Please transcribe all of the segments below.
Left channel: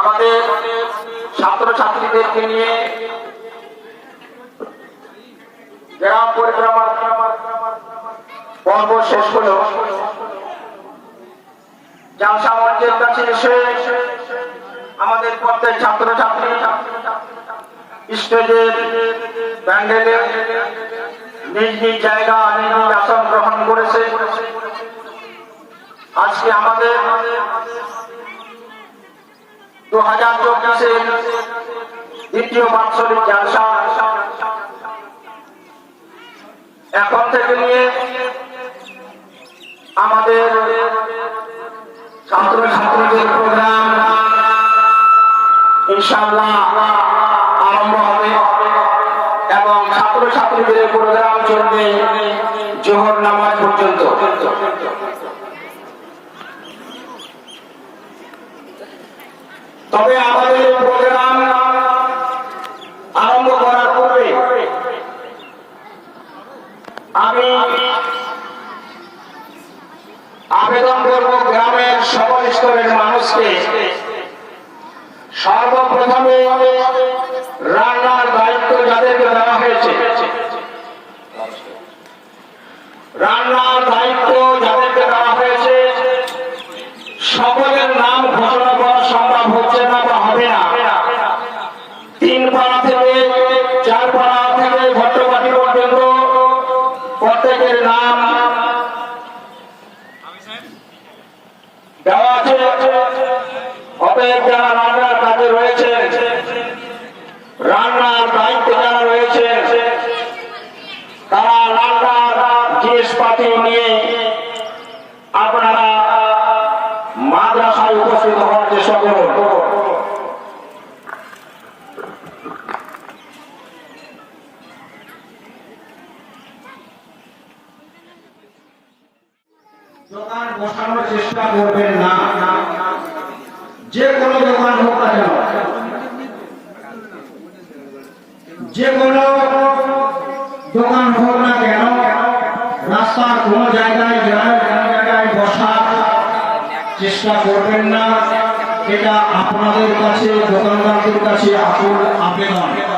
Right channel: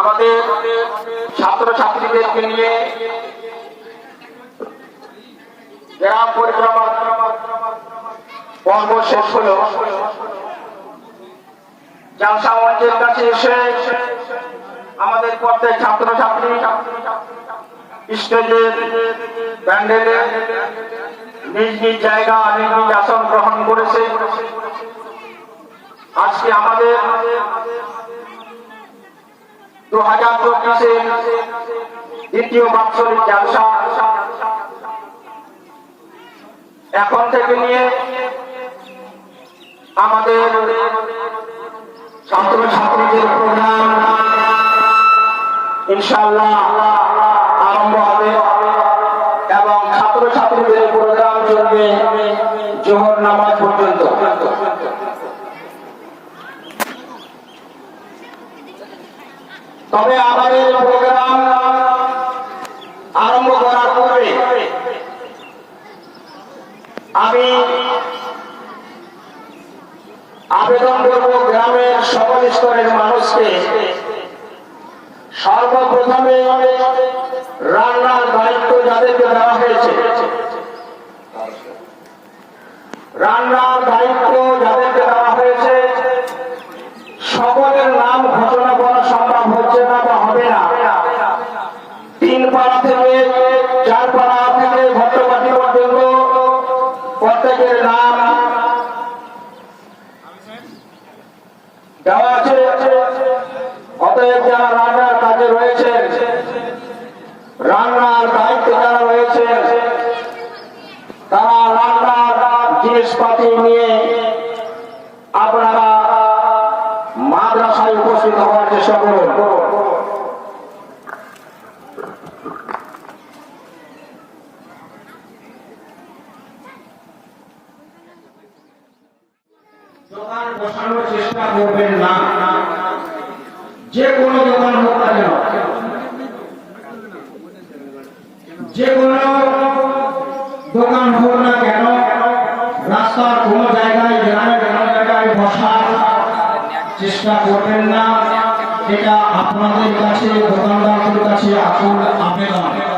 আমাদের ছাত্র ছাত্রীদেরকে নিয়ে গ্রাম পরিক্রমার পর্ব শেষ হলো। জালসা মঞ্চের কাছে এসে আমাদের প্রত্যেক ছাত্র ছাত্রী স্টেজের প্যান্ডেলে নিজ নিজ জায়গা, নিজ নিজ আসন গ্রহণ করেছে। আজকে আমাদের দু হাজার চব্বিশের দ্বিতীয় বাৎসরিক জালসা এখন থেকে নিয়ে আমাদের ছাত্র ছাত্রীদের প্রোগ্রাম ইনশাল্লাহ আরম্ভ হবে এবং ছাত্র ছাত্রীদের প্রোগ্রাম চলবে জোহর নামাজ পর্যন্ত। তবে আমাদের প্রোগ্রাম আরম্ভ করার পূর্বে আমি আবেদন করব গ্রামের মানুষকে সর্বপ্রথমে রান্নার দায়িত্ব যাদেরকে দেওয়া হয়েছে রান্নার দায়িত্ব যাদেরকে দেওয়া হয়েছে সকলের নাম ঘোষণা করা সম্ভব হচ্ছে না বা হবে না। তিন পাড়া থেকে চার পাড়া থেকে ঘট্টবাটি পর্যন্ত প্রত্যেকের নাম দেওয়া আছে। অতএব যারা রান্নার কাজে রয়েছে, রান্নার দায়িত্বে যারা রয়েছে, তারা রান্নার জিনিসপাতি নিয়ে আপনারা মাদ্রাসায় উপস্থিত হওয়ার চেষ্টা করুন। দোকান বসানোর চেষ্টা করবেন না। যে কোনো দোকান হোক কেন। যে কোনো দোকান হোক না কেন, রাস্তার কোনো জায়গায় গ্রামের কোনো জায়গায় বসার চেষ্টা করবেন না, এটা আপনাদের কাছে, দোকানদারদের কাছে আসল আবেদন।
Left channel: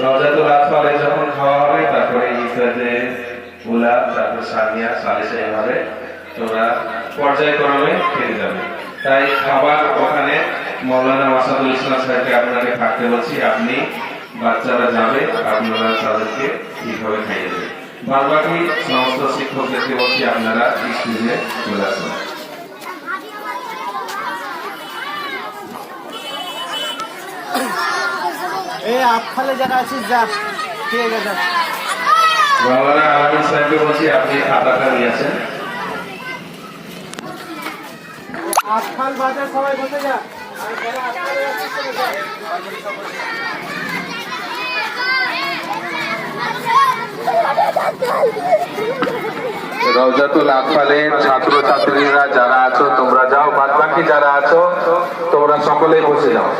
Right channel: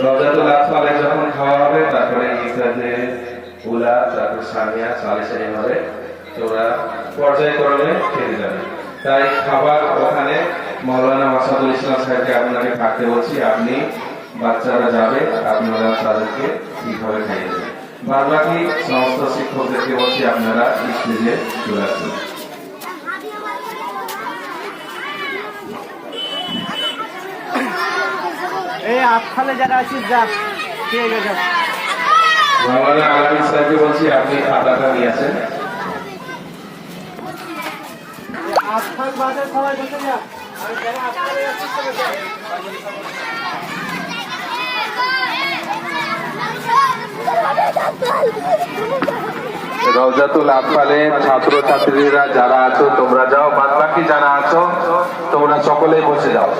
রওজাতুল যাবে। তাই খাবার ওখানে মৌলানা ইসলাম সাহেবকে আপনাকে থাকতে বলছি, আপনি বাচ্চারা যাবে, আপনারা তাদেরকে ঠিকভাবে খাইয়ে দেবেন বাদ বাকি সমস্ত শিক্ষকদেরকে বলছি, আপনারা স্কুলে চলে আসুন। এই আটখালে যারা আছিস যা ঠিক আছে যা। মৌলানা আলমিন সাহেবকে বলছি আপনি খাতাটা নিয়েছেন আটখাল বাদে সবাই বসে যা আর যারা আটখালে যাচ্ছিস তারা যা। রওজাতুল আফালের ছাত্র ছাত্রীরা যারা আছো, তোমরা যাও বাদ বাকি যারা আছো, তোমরা সকলেই বসে যাও।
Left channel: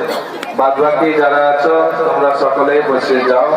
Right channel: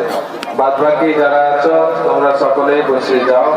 বাদ বাকি যারা আছো, তোমরা সকলেই বসে যাও।